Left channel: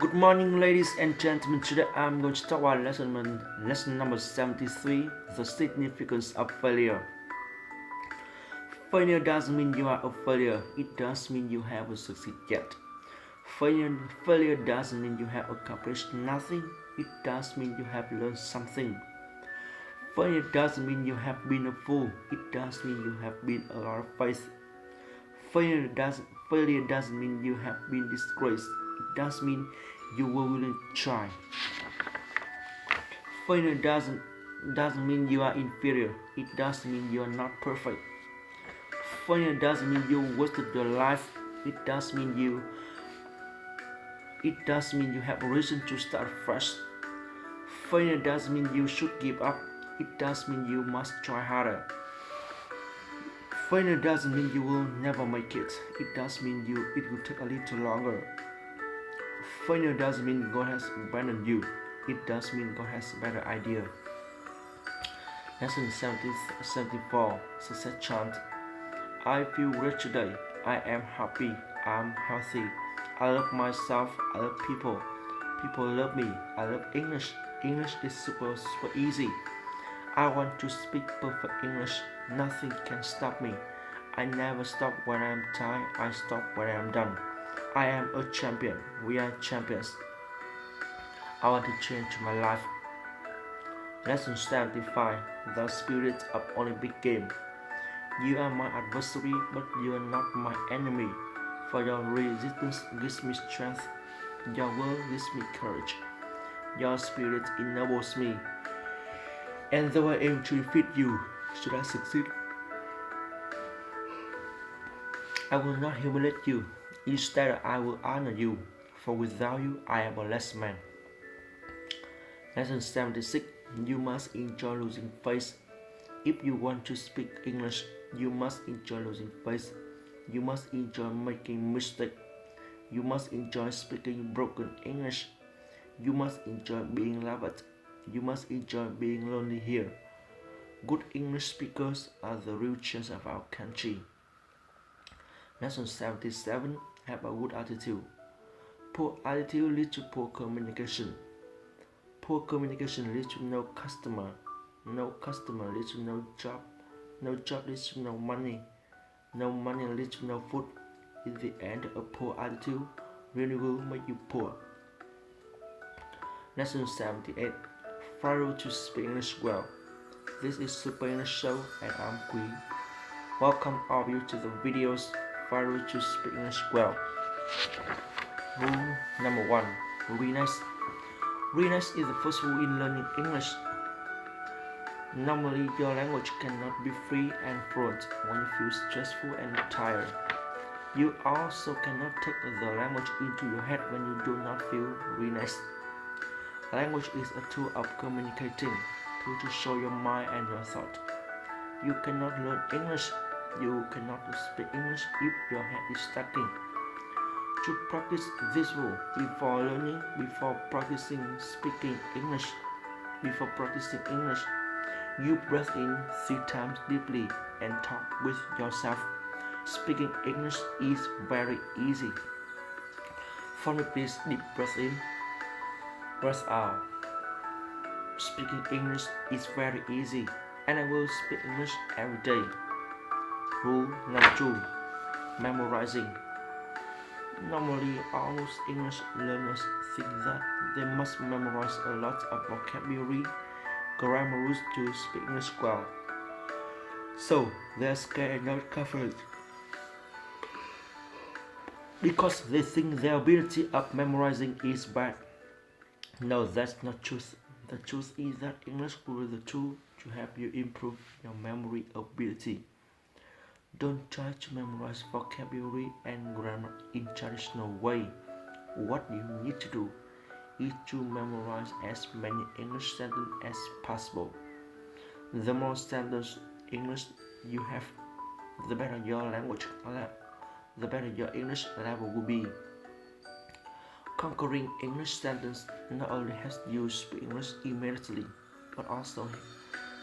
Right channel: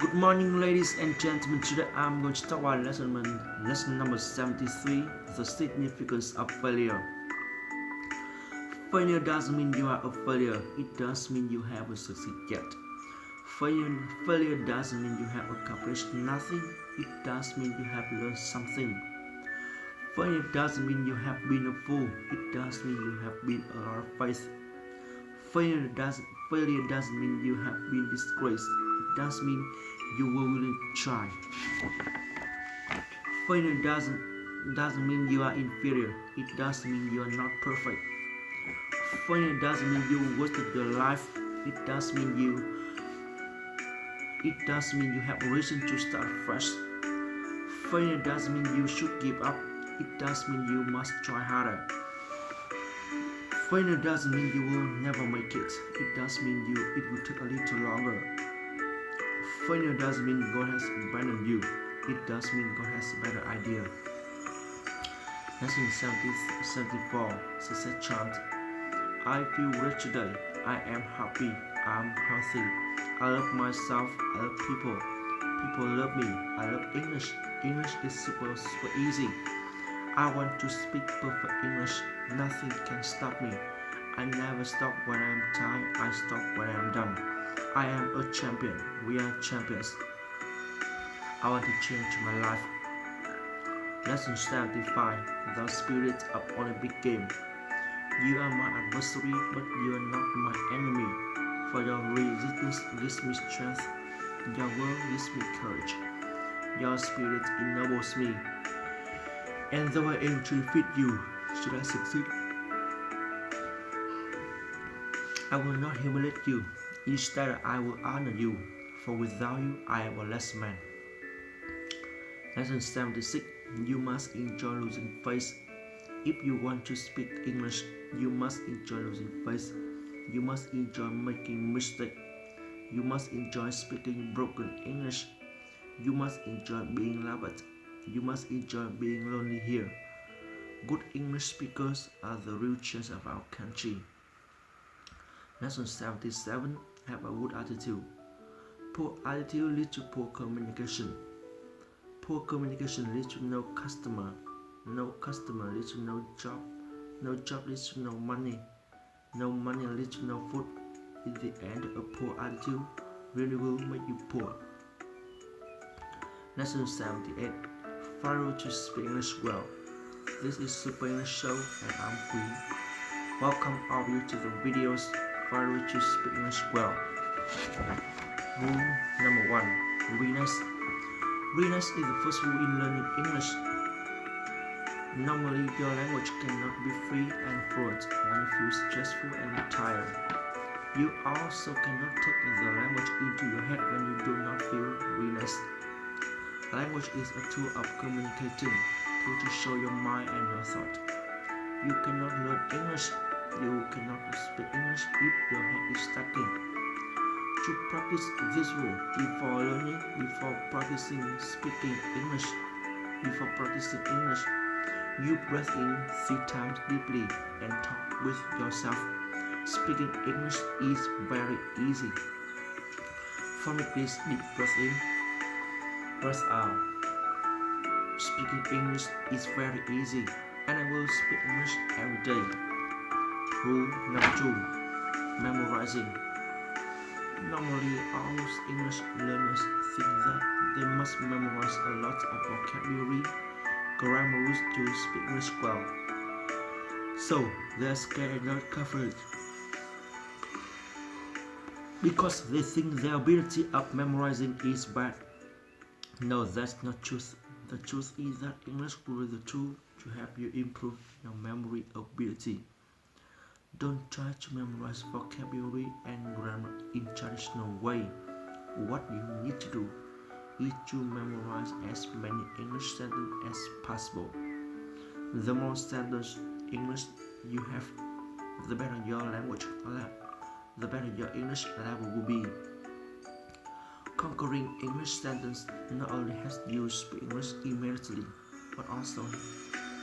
Good morning, ladies and gentlemen. Today I'm going to talk about lesson number 73, the significance of failure. Failure doesn't mean you are a failure, it does mean you haven't succeeded yet. Failure doesn't mean you have accomplished nothing, it does mean you have learned something. Failure doesn't mean you have been a fool, it does mean you have been a lot of faith. Failure doesn't mean you have been disgraced, it does mean you were willing to try. Failure doesn't mean you are inferior, it does mean you are not perfect. Failure doesn't mean you wasted your life, it does mean you have a reason to start fresh. Failure doesn't mean you should give up, it does mean you must try harder. Failure doesn't mean you will never make it, it does mean it will take a little longer. Failure doesn't mean God has abandoned you, it does mean God has a better idea. Lesson 74, Success Chant. I feel great today, I am happy, I'm healthy, I love myself, I love people, people love me, I love English, English is super easy. I want to speak perfect English, nothing can stop me. I never stop when I'm tired, I stop when I'm done. I am a champion, we are champions. I want to change my life. Lesson 75, the spirit of Olympic game. You are my adversary, but you are not my enemy. For your resistance gives me strength, your word gives me courage. Your spirit enables me. And though I aim to defeat you, should I succeed, I will not humiliate you. Instead, I will honor you, for without you, I am a less man. Lesson 76. You must enjoy losing face. If you want to speak English, you must enjoy losing face. You must enjoy making mistakes. You must enjoy speaking broken English. You must enjoy being laughed. You must enjoy being lonely here. Good English speakers are the real chance of our country. Lesson 77. Have a good attitude. Poor attitude leads to poor communication. Poor communication leads to no customer. No customer leads to no job. No job leads to no money. No money leads to no food. In the end, a poor attitude really will make you poor. Lesson 78. Follow to speak English well. This is Super English Show and I'm Queen. Welcome all of you to the videos. Follow to speak English well. Rule number 1. Readiness. Readiness is the first rule in learning English. Normally, your language cannot be free and fluent when you feel stressful and tired. You also cannot take the language into your head when you do not feel readiness. Language is a tool of communicating, tool to show your mind and your thought. You cannot learn English, you cannot speak English if your head is stuck. To practice this rule before practicing speaking English, you breathe in 3 times deeply and talk with yourself. Speaking English is very easy. For me, please deep breath in, breath out. Speaking English is very easy, and I will speak English every day. Rule number 2. Memorizing. Normally, most English learners think that they must memorize a lot of vocabulary, grammar rules to speak English well. So, they're scared and not confident because they think their ability of memorizing is bad. No, that's not truth. The truth is that English will be the tool to help you improve your memory ability. Don't try to memorize vocabulary and grammar in traditional way. What you need to do is to memorize as many English sentences as possible. The more sentences English you have, the better your English level will be. Conquering English sentence not only helps you speak English immediately, but also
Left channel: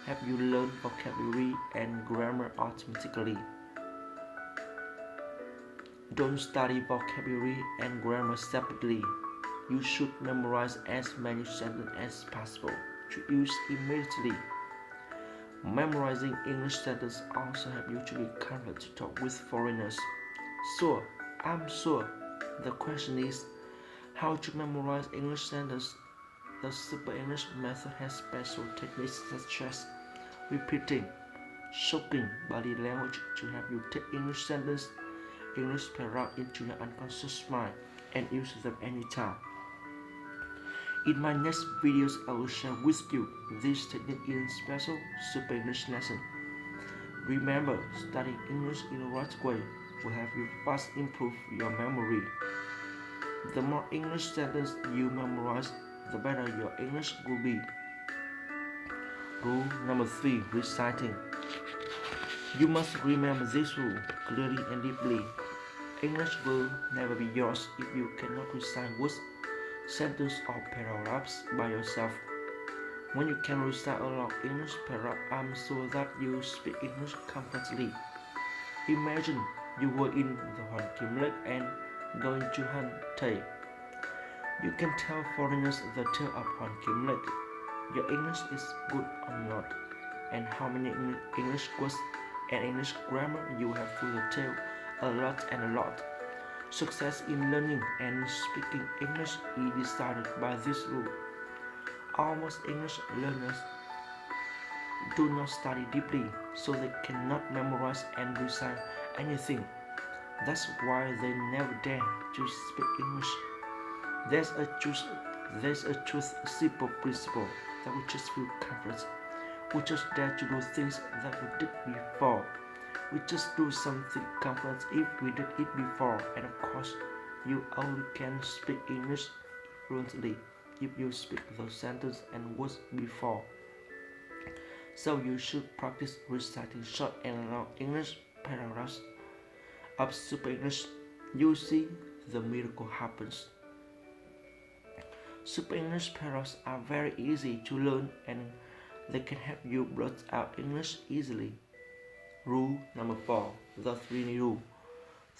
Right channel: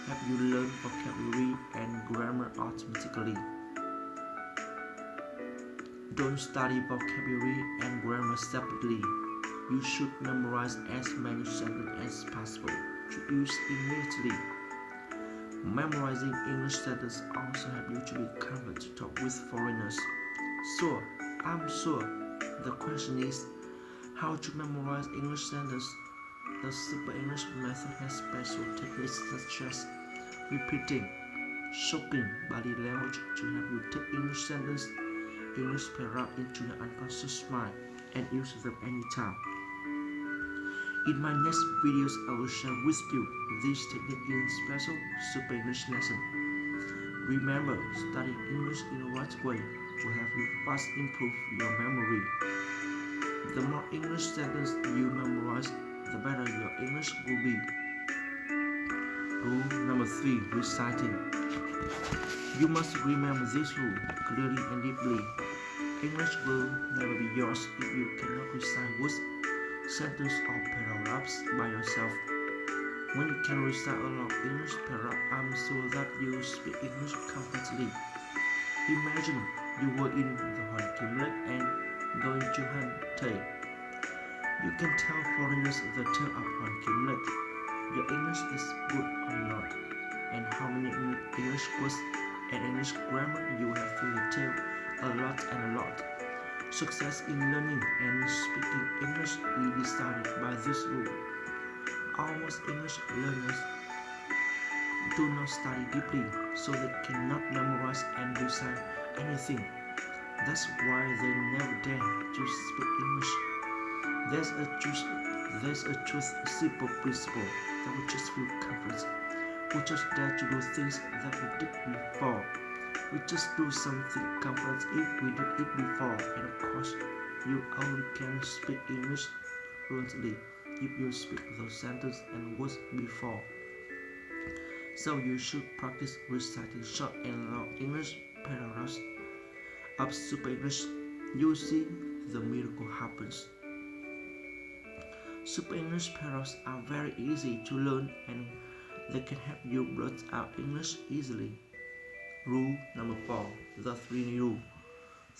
help you learn vocabulary and grammar automatically. Don't study vocabulary and grammar separately. You should memorize as many sentences as possible to use immediately. Memorizing English sentences also help you to be confident to talk with foreigners. Sure, I'm sure. The question is how to memorize English sentences. The Super English method has special techniques such as repeating, shocking body language to help you take English sentences, English paragraph into your unconscious mind and use them anytime. In my next videos, I will share with you this technique in special Super English lesson. Remember, studying English in the right way will help you fast improve your memory. The more English sentences you memorize, the better your English will be. Rule number 3, reciting. You must remember this rule clearly and deeply. English will never be yours if you cannot recite words, sentences or paragraphs by yourself. When you can recite a long English paragraph, I'm sure that you speak English comfortably. Imagine you were in the Hoàng Kim Lake and going to Han Thầy. You can tell foreigners the tale of Hoàng Kim Lake. Your English is good or not, and how many English words and English grammar you have through the tale, a lot and a lot. Success in learning and speaking English is decided by this rule. Almost English learners do not study deeply, so they cannot memorize and recite anything. That's why they never dare to speak English. There's a truth simple principle that we just feel comfort. We just dare to do things that we did before. We just do something comfort if we did it before, and of course, you only can speak English fluently if you speak those sentences and words before. So you should practice reciting short and long English paragraphs of Super English. You see, the miracle happens. Super English paragraphs are very easy to learn and they can help you blurt out English easily. Rule number 4, the 3D rule.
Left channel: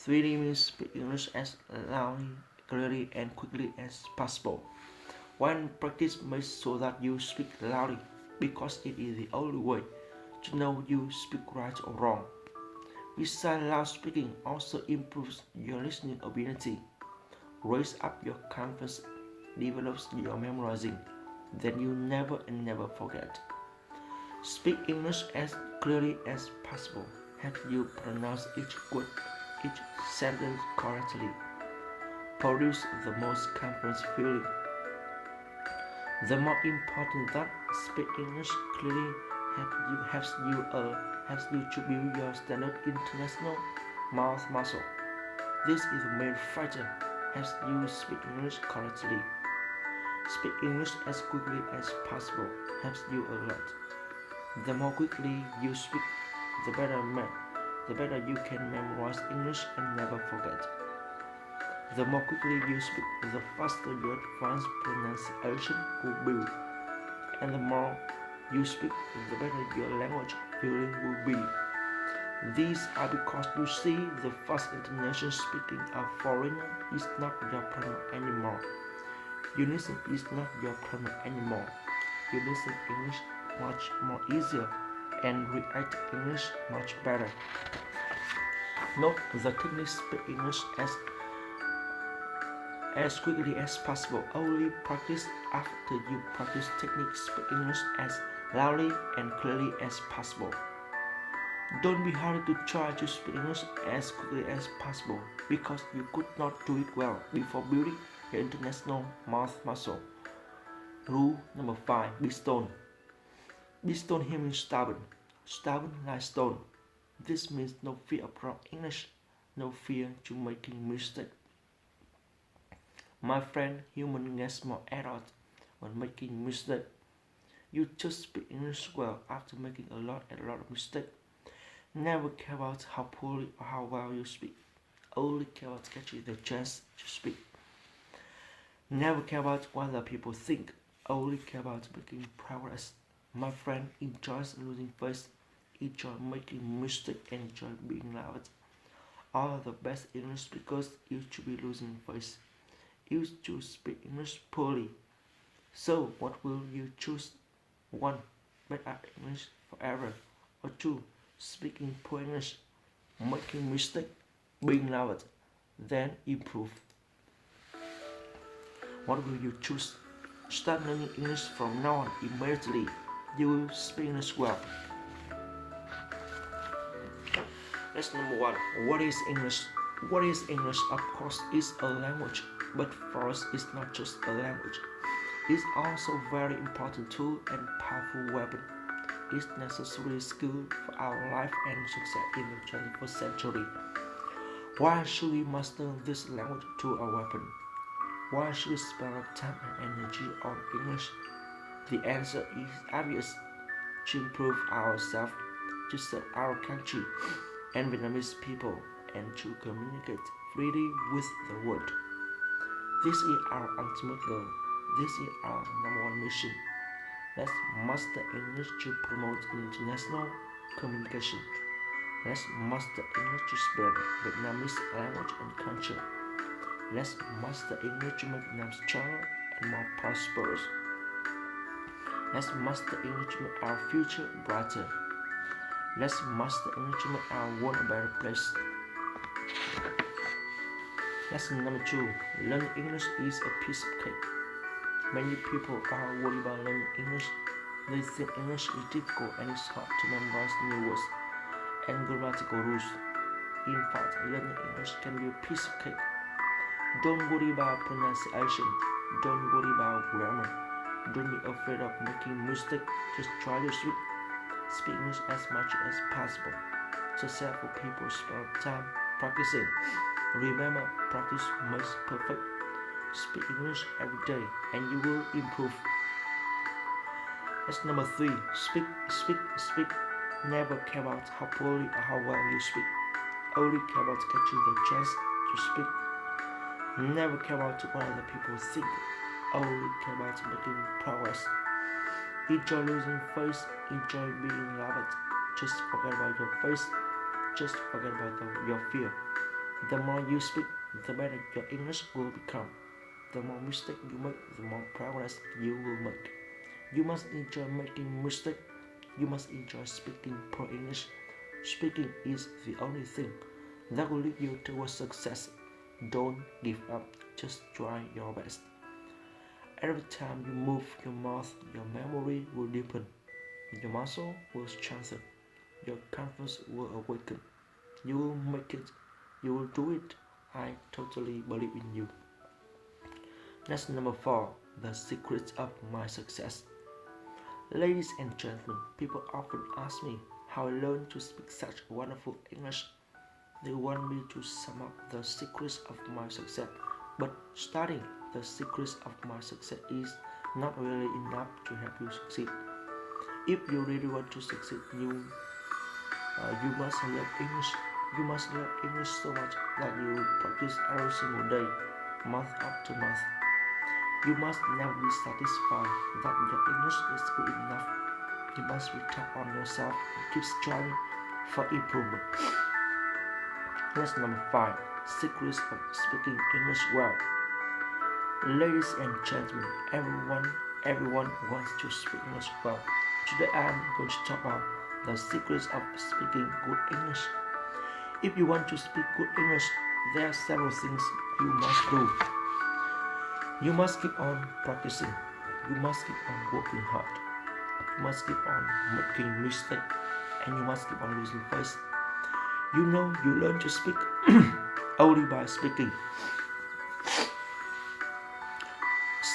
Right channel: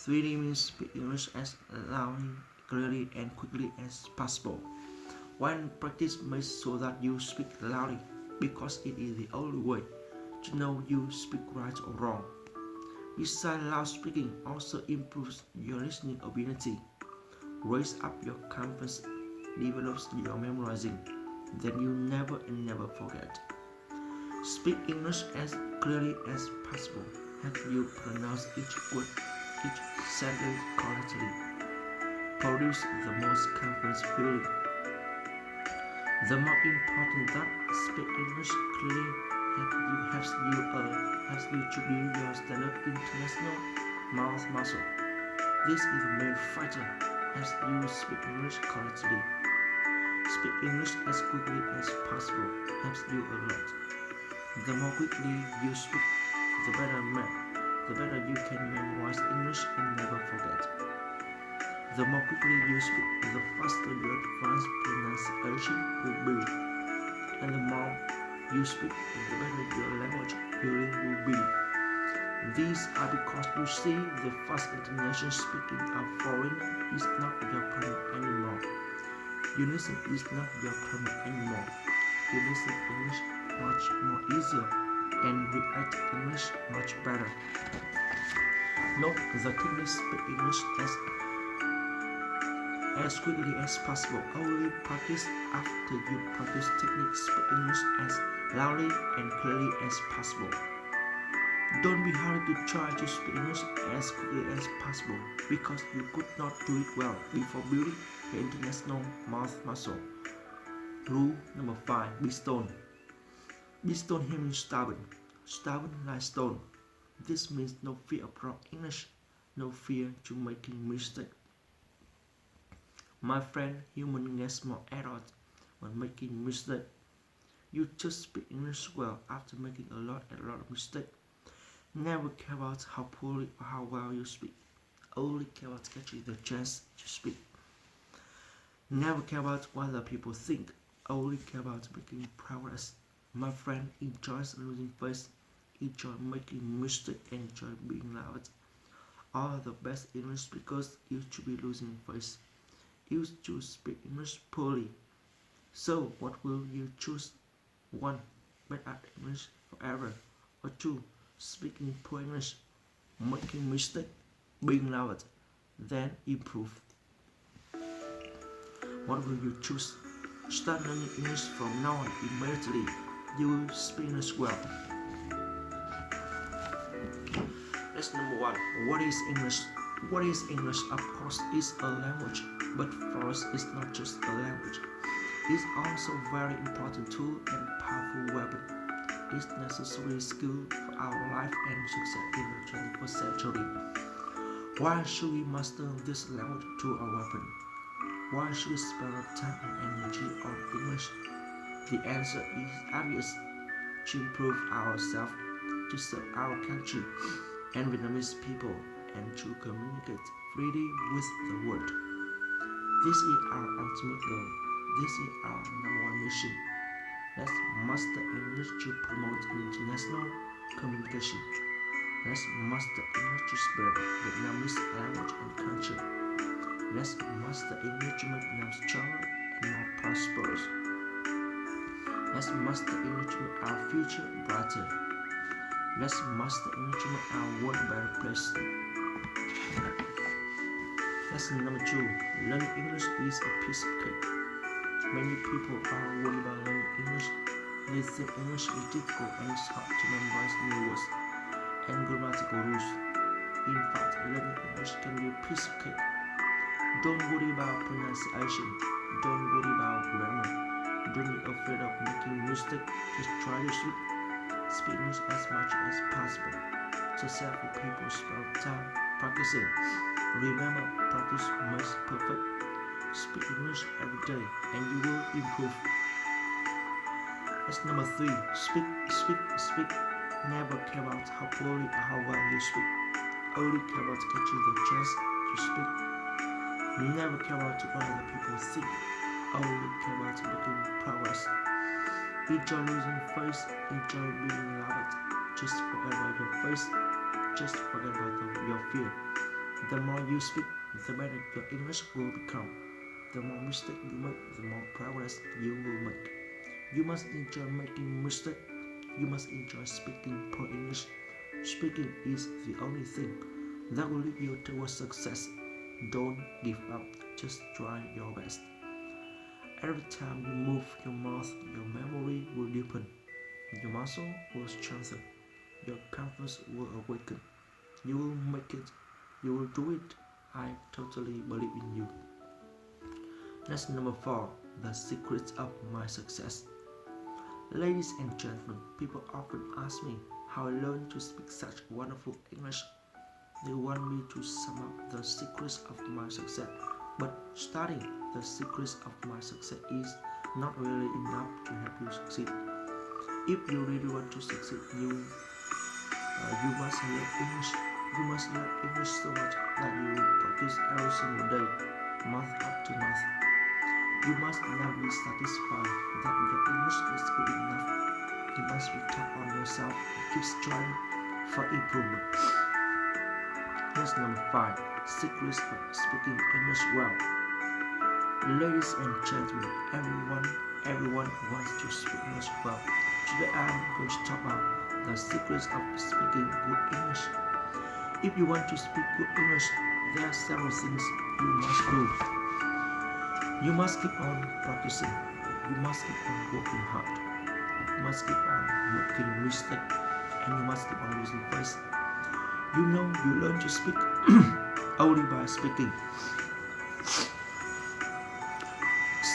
3D means speak English as loudly, clearly and quickly as possible. One practice makes sure that you speak loudly because it is the only way to know you speak right or wrong. Besides, loud speaking also improves your listening ability, raises up your confidence, develops your memorizing, then you never and never forget. Speak English as clearly as possible. Help you pronounce each word, each sentence correctly. Produce the most confidence feeling. The more important that speak English clearly helps you to build your standard international mouth muscle. This is the main factor helps you speak English correctly. Speak English as quickly as possible helps you a lot. The more quickly you speak, the better you can memorize English and never forget. The more quickly you speak, the faster your advanced pronunciation will be. And the more you speak, the better your language feeling will be. These are because you see the fast international speaking of foreigner is not your problem anymore. You listen is not your problem anymore. You listen English much more easier and react English much better. Note the technique speak English as quickly as possible. Only practice after you practice technique speak English as loudly and clearly as possible. Don't be hurried to try to speak English as quickly as possible because you could not do it well before building your international mouth muscle. Rule number 5, be stone. Be stone here means stubborn. Stubborn like stone. This means no fear of wrong English, no fear to making mistakes. My friend, human gets more adult when making mistakes. You just speak English well after making a lot of mistakes. Never care about how poorly or how well you speak. Only care about catching the chance to speak. Never care about what other people think. Only care about making progress. My friend enjoys losing face, enjoy making mistakes, and enjoy being loud. All the best English speakers used to be losing face. used to speak English poorly. So, what will you choose? 1. Bad at English forever. Or 2. Speaking poor English, making mistakes, being loud, then improve. What will you choose? Start learning English from now on immediately. You will speak English well. That's number 1. What is English? What is English? Of course, it's a language, but for us, it's not just a language. It's also a very important tool and powerful weapon. It's necessary skill for our life and success in the 21st century. Why should we master this language to a weapon? Why should we spend time and energy on English? The answer is obvious. To improve ourselves, to serve our country and Vietnamese people, and to communicate freely with the world. This is our ultimate goal. This is our number one mission. Let's master English to promote international communication. Let's master English to spread Vietnamese language and culture. Let's master English to make Vietnam stronger and more prosperous. Let's master English to make our future brighter. Let's master English to make our world a better place. Lesson number 2. Learning English is a piece of cake. Many people are worried about learning English. They think English is difficult and it's hard to memorize new words and grammatical rules. In fact, learning English can be a piece of cake. Don't worry about pronunciation. Don't worry about grammar. Don't be afraid of making mistakes. Just try to speak English as much as possible. Successful people spend time practicing. Remember, practice makes perfect. Speak English every day and you will improve. That's number 3. Speak. Never care about how poorly or how well you speak. Only care about catching the chance to speak. Never care about what other people think. Only care about making progress. Enjoy losing face. Enjoy being loved. Just forget about your face. Just forget about your fear. The more you speak, the better your English will become. The more mistakes you make, the more progress you will make. You must enjoy making mistakes. You must enjoy speaking poor English. Speaking is the only thing that will lead you towards success. Don't give up. Just try your best. Every time you move your mouth, your memory will deepen. Your muscle will strengthen. Your confidence will awaken. You will make it. You will do it. I totally believe in you. That's number 4. The secret of my success. Ladies and gentlemen, people often ask me how I learned to speak such wonderful English. They want me to sum up the secrets of my success. But studying the secrets of my success is not really enough to help you succeed. If you really want to succeed, you must learn English. You must learn English so much that you practice every single day, month after month. You must never be satisfied that your English is good enough. You must be tough on yourself and keep striving for improvement. Lesson number 5. Secrets of speaking English well. Ladies and gentlemen, everyone wants to speak English well. Today I am going to talk about the secrets of speaking good English. If you want to speak good English, there are several things you must do. You must keep on practicing. You must keep on working hard. You must keep on making mistakes. And you must keep on losing face. You know you learn to speak only by speaking.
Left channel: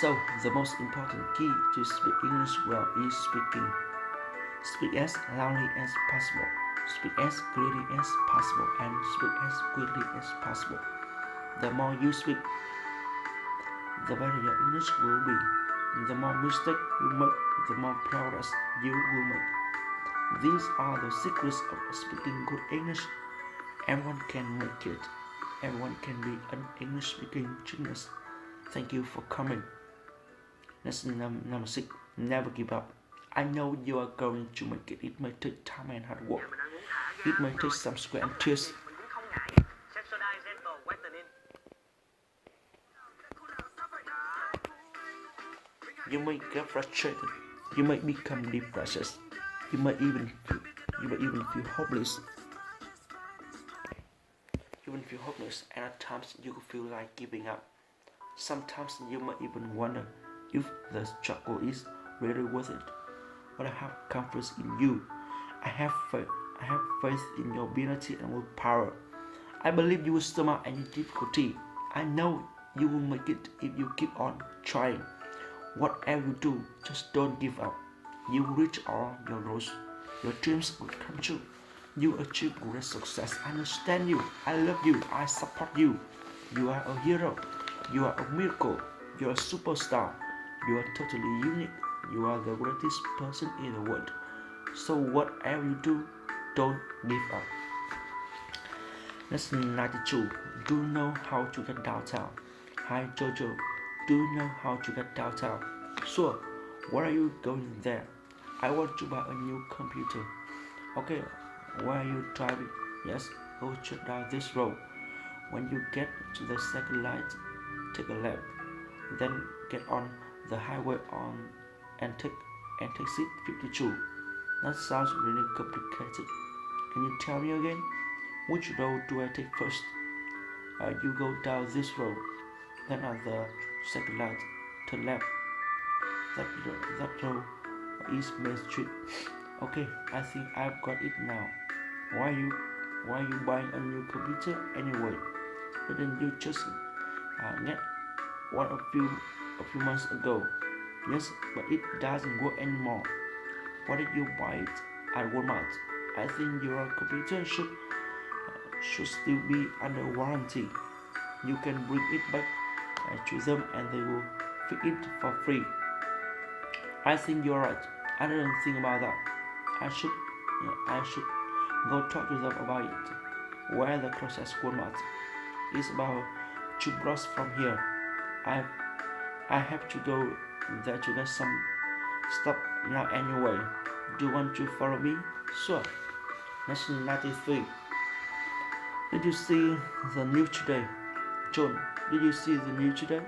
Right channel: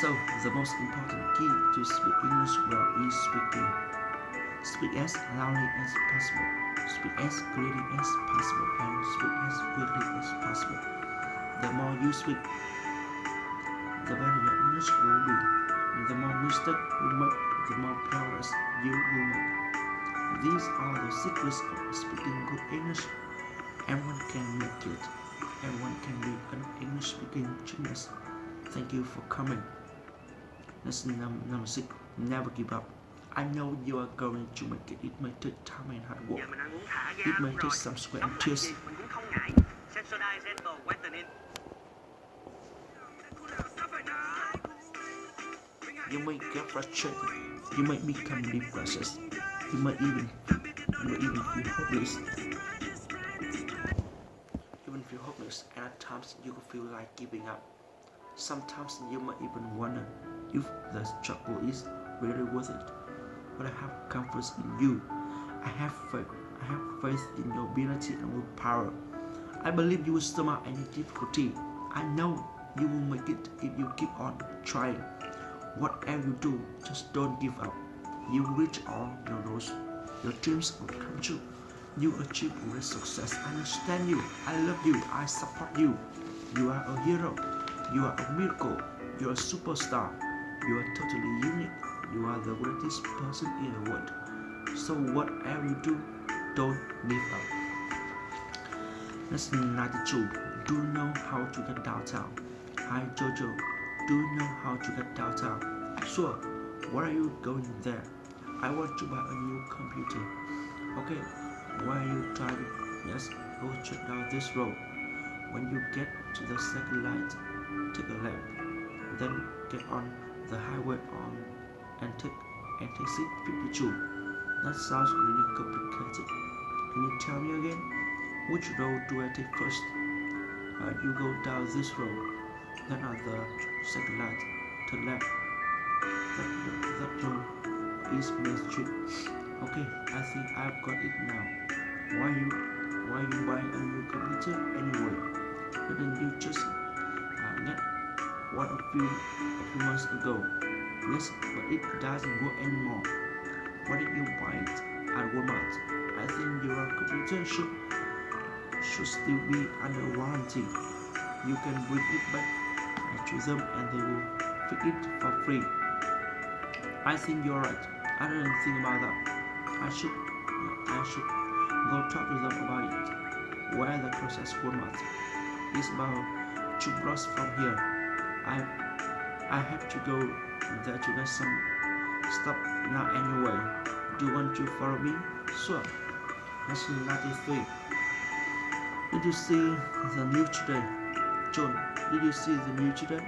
So, the most important key to speak English well is speaking. Speak as loudly as possible. Speak as clearly as possible and speak as quickly as possible. The more you speak, the better your English will be. The more mistakes you make, the more progress you will make. These are the secrets of speaking good English. Everyone can make it. Everyone can be an English speaking genius. Thank you for coming. Lesson number 6. Never give up. I know you are going to make it. It may take time and hard work. It may take some sweat and tears. You might get frustrated. You might become depressed. You might even feel hopeless. And at times you feel like giving up. Sometimes you might even wonder if the struggle is really worth it. But I have confidence in you. I have faith. I have faith in your ability and willpower. I believe you will surmount any difficulty. I know you will make it if you keep on trying. Whatever you do, just don't give up. You will reach all your goals. Your dreams will come true. You achieve great success. I understand you. I love you. I support you. You are a hero. You are a miracle. You are a superstar. You are totally unique. You are the greatest person in the world. So whatever you do, don't give up. Lesson 92. Do you know how to get downtown? Hi Jojo. Do you know how to get downtown? Sure. Where are you going there? I want to buy a new computer. Okay. Where are you driving? Yes. Go check down this road. When you get to the second light, take a left. Then get on the highway and take exit 52. That sounds really complicated. Can you tell me again? Which road do I take first? You go down this road. Then at the second light, turn left. That road is Main Street. Okay, I think I've got it now. Why are you buying a new computer anyway? Didn't you just get one a few months ago? Yes, but it doesn't work anymore. Why did you buy it at Walmart? I think your computer should still be under warranty. You can bring it back to them and they will fix it for free. I think you're right. I didn't think about that. I should go talk to them about it. Where the closest Walmart is about 2 blocks from here. I have to go there to get some stuff now anyway. Do you want to follow me? Sure. Lesson 93. Did you see the news today? John, did you see the news today?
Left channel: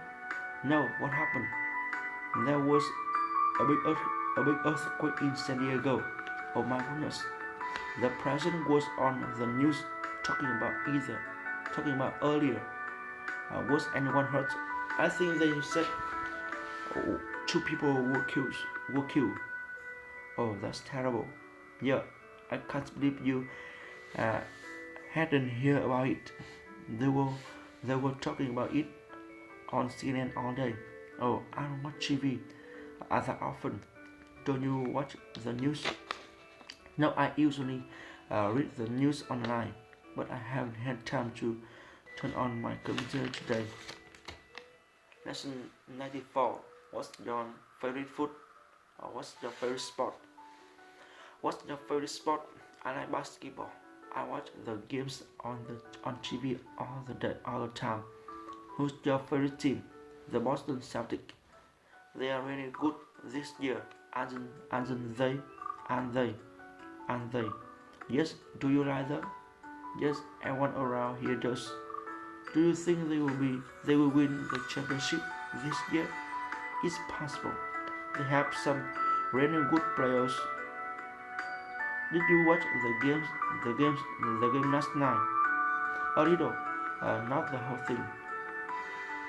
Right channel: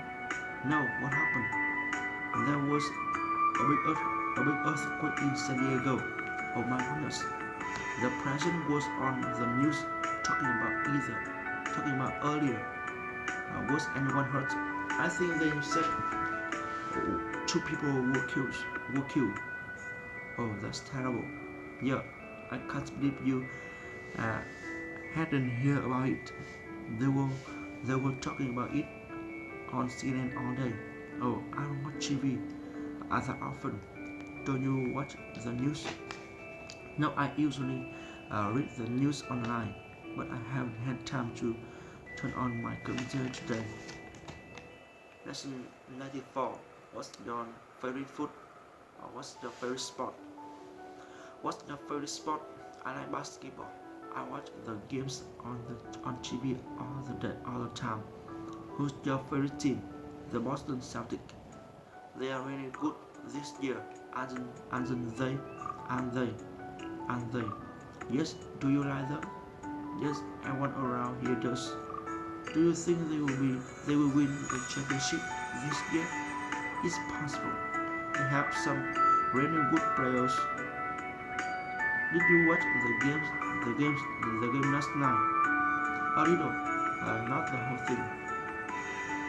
No, what happened? There was a big earthquake in San Diego. Oh my goodness. The president was on the news talking about earlier. Was anyone hurt? I think they said 2 people were killed. Oh, that's terrible. Yeah, I can't believe you hadn't heard about it. They were talking about it on CNN all day. Oh, I don't watch TV as often. Don't you watch the news? No, I usually read the news online, but I haven't had time to turn on my computer today. Lesson 94. What's your favorite food? Or what's your favorite sport? What's your favorite sport? I like basketball. I watch the games on TV all the time. Who's your favorite team? The Boston Celtics. They are really good this year. And they. Yes, do you like them? Yes, everyone around here does. Do you think they will win the championship this year? It's possible. They have some really good players. Did you watch the game last night? A little, not the whole thing.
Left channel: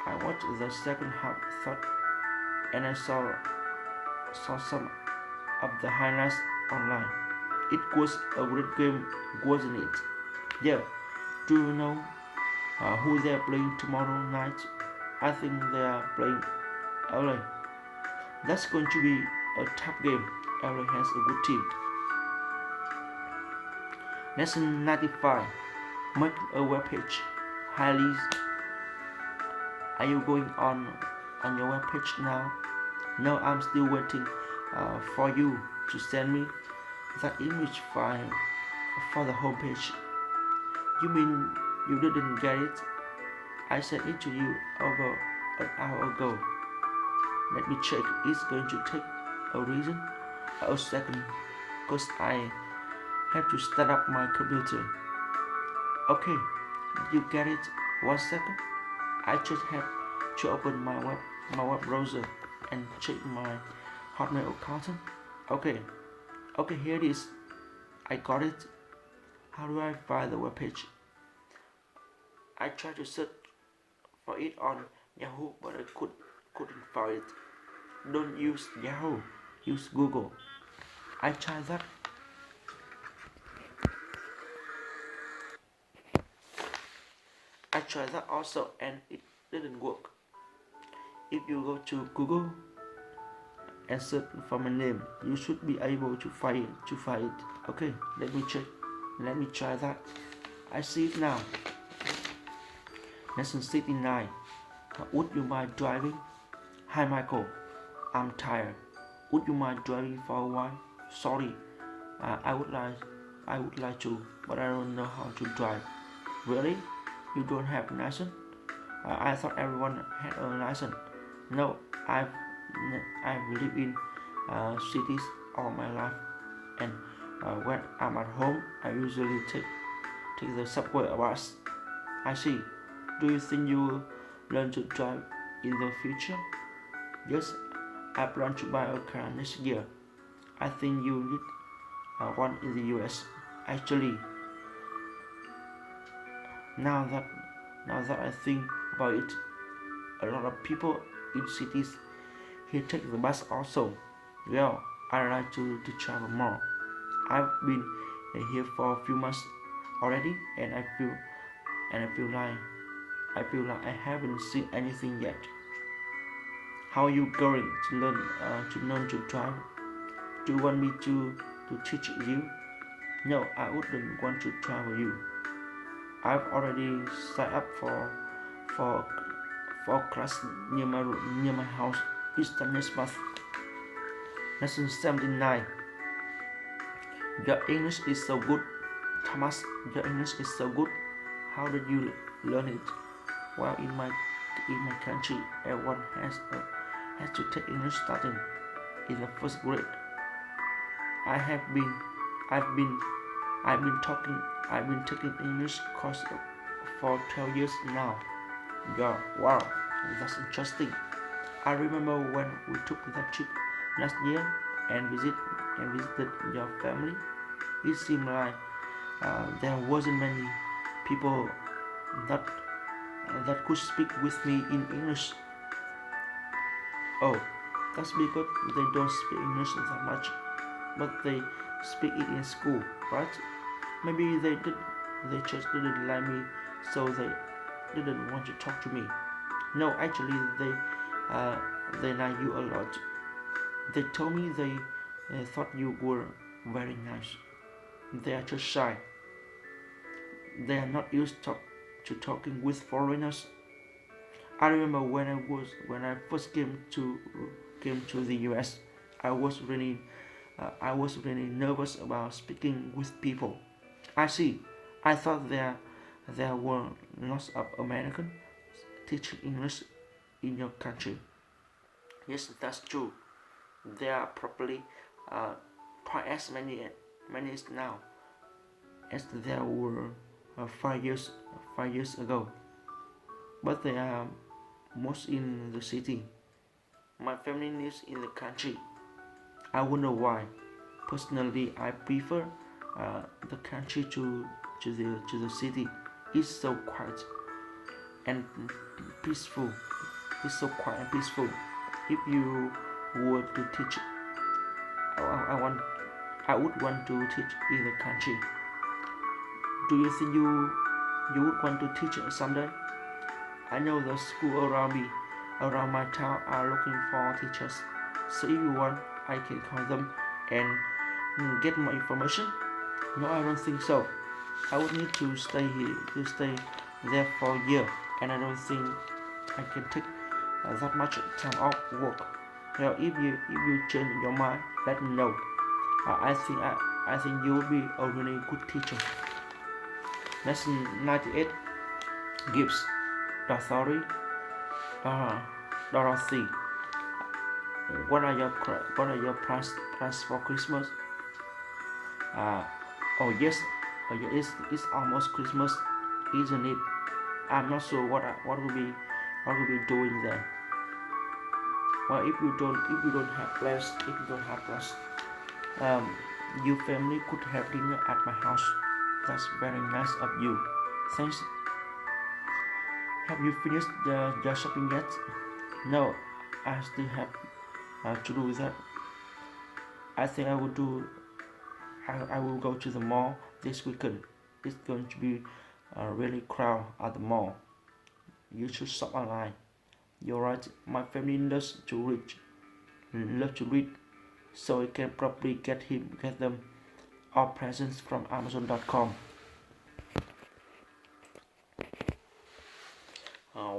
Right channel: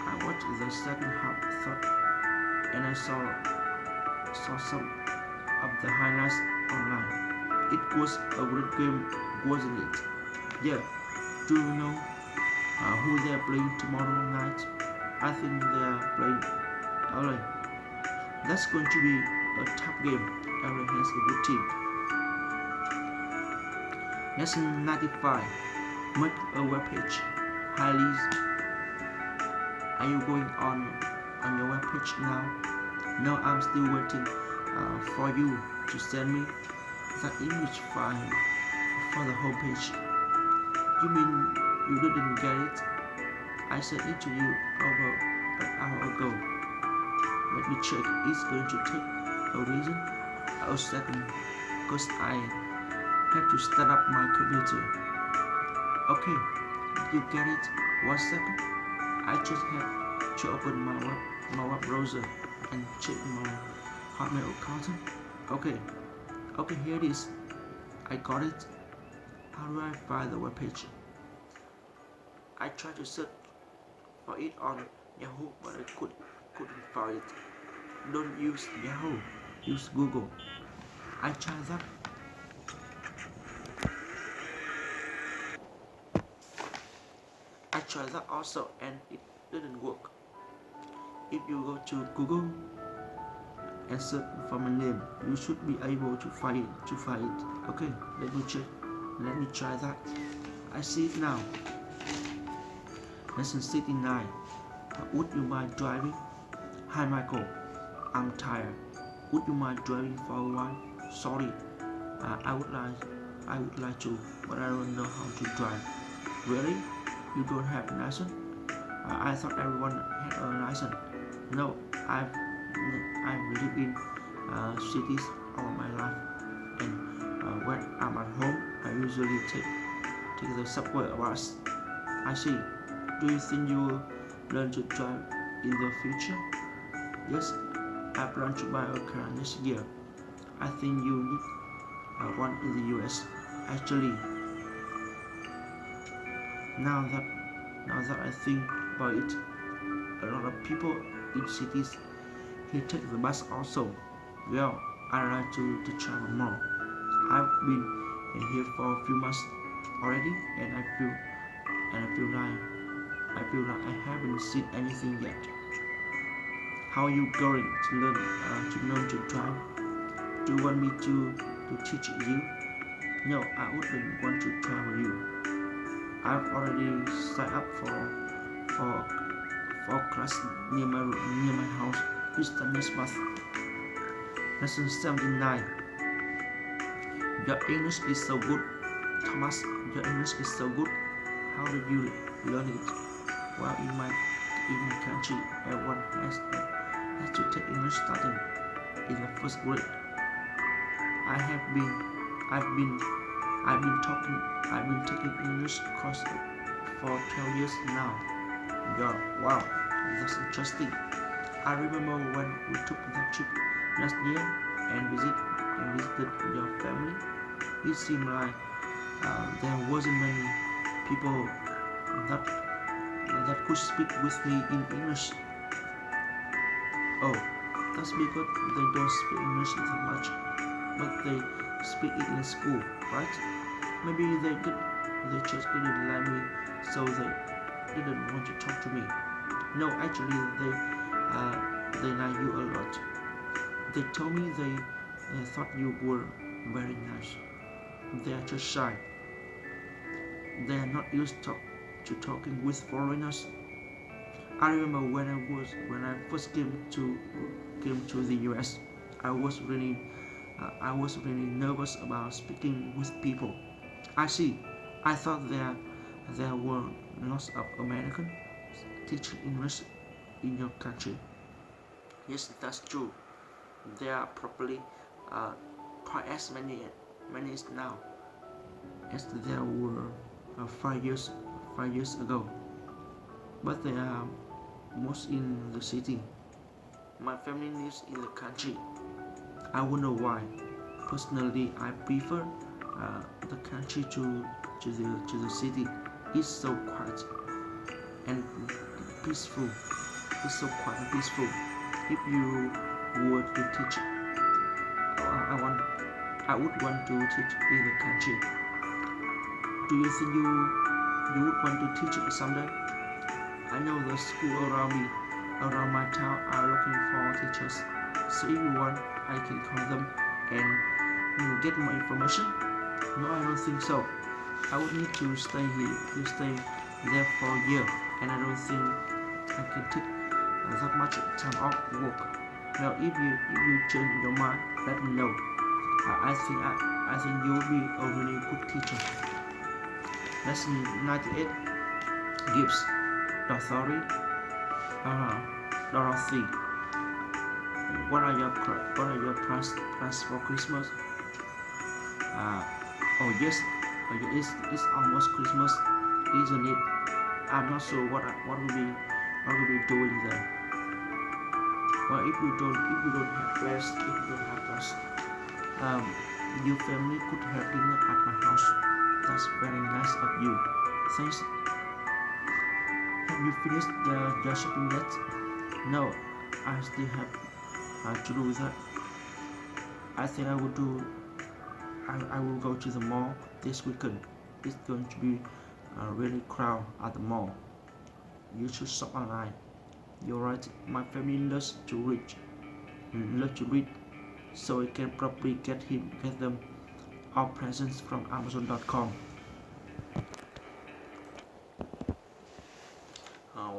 I watched the second half, and I saw some of the highlights online. It was a great game, wasn't it? Yeah. Do you know who they are playing tomorrow night? I think they are playing LA. That's going to be a tough game. LA has a good team. Lesson 95. Make a web page. Hi Liz. Are you going on your web page now? No, I'm still waiting for you to send me that image file for the homepage. You mean you didn't get it? I sent it to you over an hour ago. Let me check. It's going to take a second, because I have to start up my computer. Okay, did you get it? 1 second. I just have to open my web browser and check my Hotmail account. Okay, okay, here it is. I got it. How do I find the webpage? I tried to search for it on Yahoo, but I couldn't find it. Don't use Yahoo, use Google. I tried that. I tried that also, and it didn't work. If you go to Google and search for my name, you should be able to find it. Okay, let me check. Let me try that. I see it now. Lesson 69. Would you mind driving? Hi Michael, I'm tired. Would you mind driving for a while? Sorry, I would like to, but I don't know how to drive. Really? You don't have a license? I thought everyone had a license. No, I've lived in cities all my life, and when I'm at home, I usually take the subway or bus. I see. Do you think you will learn to drive in the future? Yes, I plan to buy a car next year. I think you need one in the US. Actually, now that I think about it, a lot of people in cities here take the bus also. Well, I like to travel more. I've been here for a few months already, and I feel like I haven't seen anything yet. How are you going to learn to drive? Do you want me to teach you? No, I wouldn't want to travel you. I've already signed up for for class near my house. It's the next month. Lesson 79. Your English is so good. Thomas, your English is so good. How did you learn it? Well, in my country, everyone has to take English starting in the first grade. I have been I've been I've been taking English course for 12 years now. Yeah, wow, that's interesting. I remember when we took that trip last year and visited your family. It seemed like there wasn't many people that could speak with me in English. Oh, that's because they don't speak English that much, but they speak it in school, right? Maybe they just didn't like me, so they didn't want to talk to me. No, actually, they like you a lot. They told me they thought you were very nice. They are just shy. They are not used to talking with foreigners. I remember when I first came to the U.S. I was really nervous about speaking with people. I see. I thought there were lots of Americans teaching English in your country. Yes, that's true. There are probably quite as many now as there were 5 years ago. But they are most in the city. My family lives in the country. I wonder why. Personally, I prefer the country to the city. It's so quiet and peaceful. It's so quiet and peaceful. If you were to teach, I would want to teach in the country. Do you think you would want to teach someday? I know the school around my town are looking for teachers. So if you want, I can call them and get more information. No, I don't think so. I would need to stay there for a year, and I don't think I can take that much time off work. Now, if you change your mind, let me know. I think you will be a really good teacher. Lesson 98. Gifts. Dorothy, what are your plans for Christmas? Uh, oh yes, it's almost Christmas, isn't it? I'm not sure what will be doing there. Well, if you don't have plans, if you don't have plans, um, your family could have dinner at my house. That's very nice of you. Thanks. Have you finished the shopping yet? No, I still have to do that. I think I will do. I will go to the mall this weekend. It's going to be really crowded at the mall. You should shop online. You're right. My family loves to read, so I can probably get them all presents from Amazon.com.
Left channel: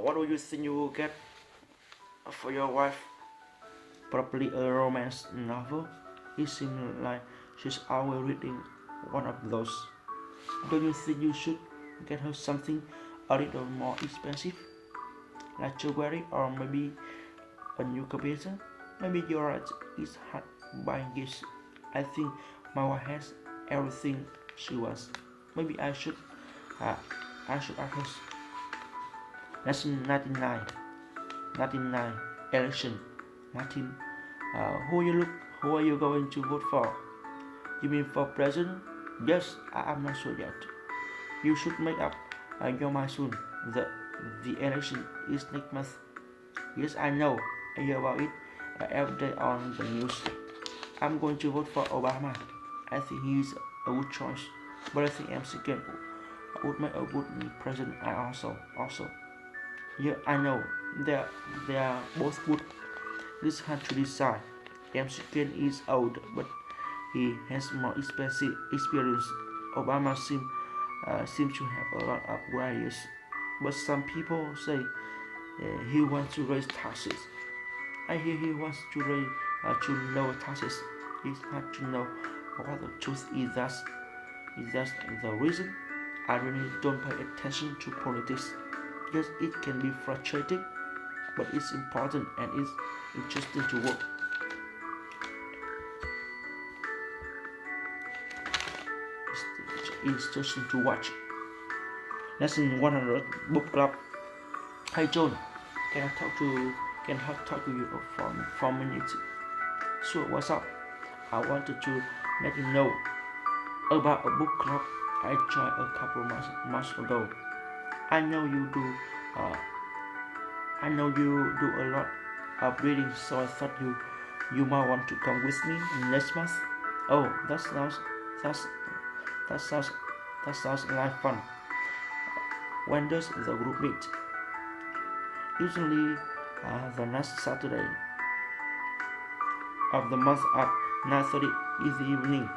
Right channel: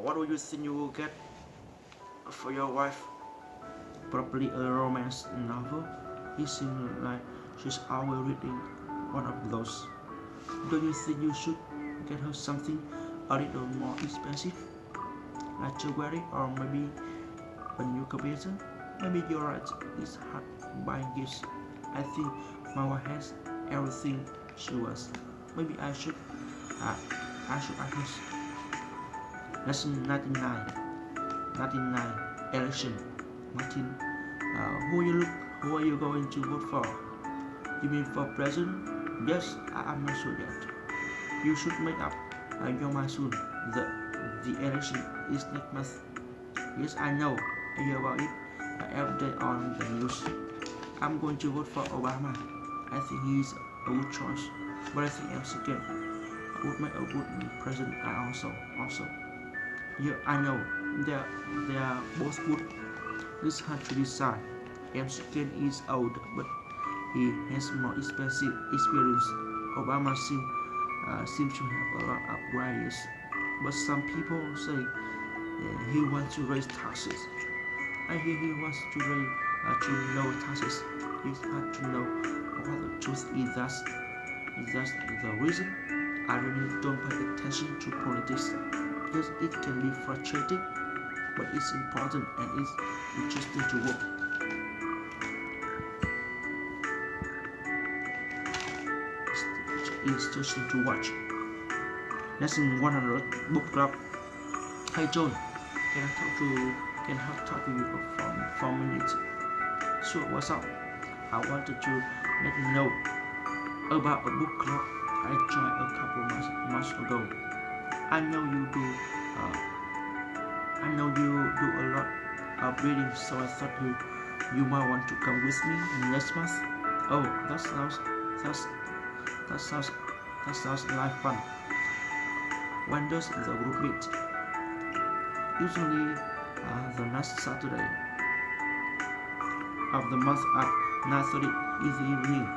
What do you think you will get for your wife? Probably a romance novel. It seems like she's always reading one of those. Don't you think you should get her something a little more expensive, like jewelry or maybe a new computer? Maybe you're right. It's hard buying gifts. I think my wife has everything she wants. Maybe uh, I should ask her. Lesson 99. 99. Election. Martin. Who are you going to vote for? You mean for president? Yes, I am not sure yet. You should make up your mind soon. The election is next month. Yes, I know. I hear about it every day on the news. I'm going to vote for Obama. I think he is a good choice. But I think M2 would make a good president. I also. Yeah, I know. They are both good. This hard to decide. M2 is old, but he has more experience. Obama seems to have a lot of ideas, but some people say he wants to raise taxes. I hear he wants to lower taxes. It's hard to know what the truth is. That the reason? I really don't pay attention to politics. Yes, it can be frustrating, but it's important and it's interesting to work. It's interesting to watch. Lesson 100 Book Club. Hey John, can I talk to you for 4 minutes? Sure, what's up? I wanted to let you know about a book club I joined a couple months ago. I know you do. Uh, I know you do a lot of reading, so I thought you might want to come with me next month. Oh, that's that sounds that sounds like fun. When does the group meet? Usually, the last Saturday of the month at 9:30 in the evening.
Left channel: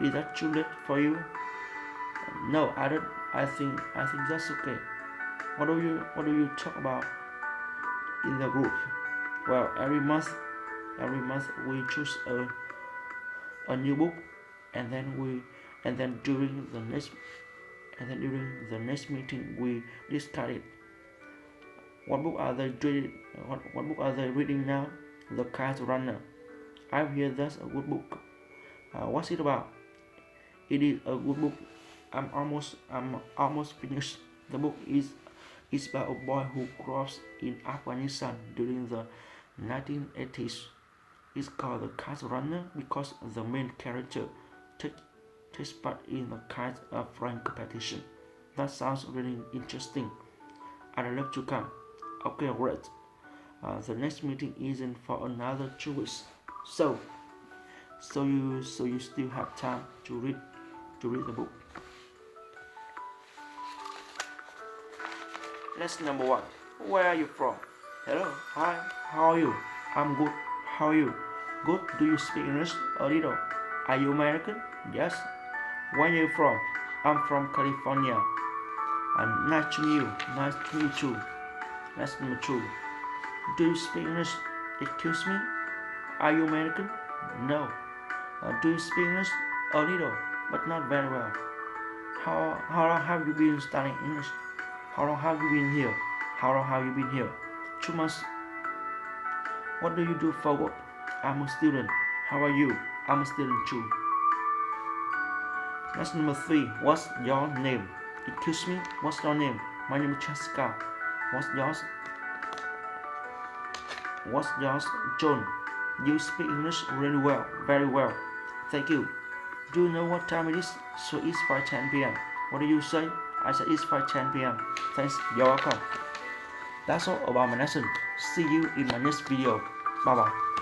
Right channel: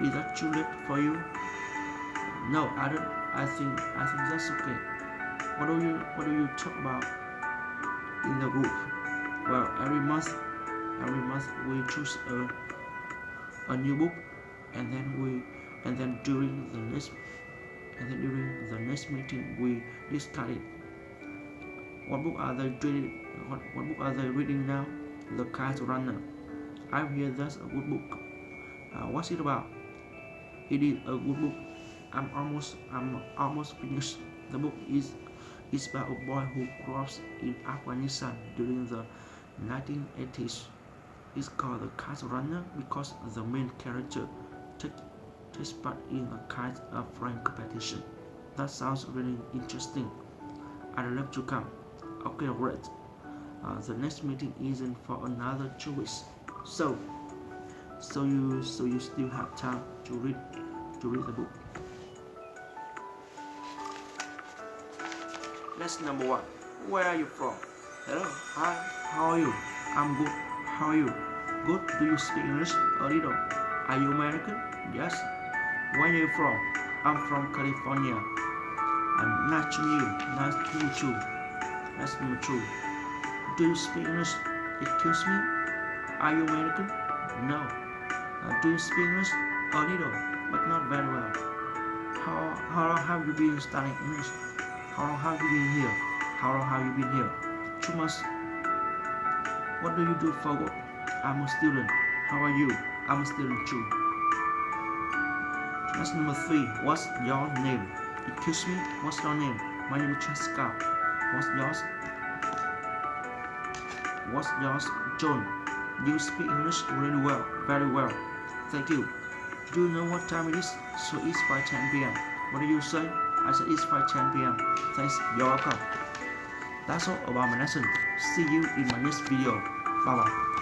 Is that too late for you? No, I don't. I think that's okay. What do you talk about in the group? Well, every month we choose a new book, and then we and then during the next meeting we discuss it. What book are they reading? What book are they reading now? The Kite Runner. I hear that's a good book. What's it about? It is a good book. I'm almost finished. The book is about a boy who grew up in Afghanistan during the 1980s. It's called The Kite Runner because the main character takes part in the kite flying competition. That sounds really interesting. I'd love to come. Okay, great. The next meeting isn't for another 2 weeks, so you still have time to read the book. Lesson number 1. Where are you from? Hello, hi, how are you? I'm good. How are you? Good. Do you speak English a little? Are you American? Yes. Where are you from? I'm from California. Nice to meet you. Nice to meet you. Lesson number 2. Do you speak English? Excuse me? Are you American? No. Do you speak English? A little, but not very well. How long have you been studying English? How long have you been here? How long have you been here? 2 months. What do you do for work? I'm a student. How are you? I'm a student too. Lesson number 3. What's your name? Excuse me, what's your name? My name is Jessica. What's yours? What's yours, John? You speak English really well, very well. Thank you. Do you know what time it is? So it's 5:10 p.m. What do you say? I said it's 5:10 p.m. Thanks, you're welcome. That's all about my lesson. See you in my next video. Bye bye.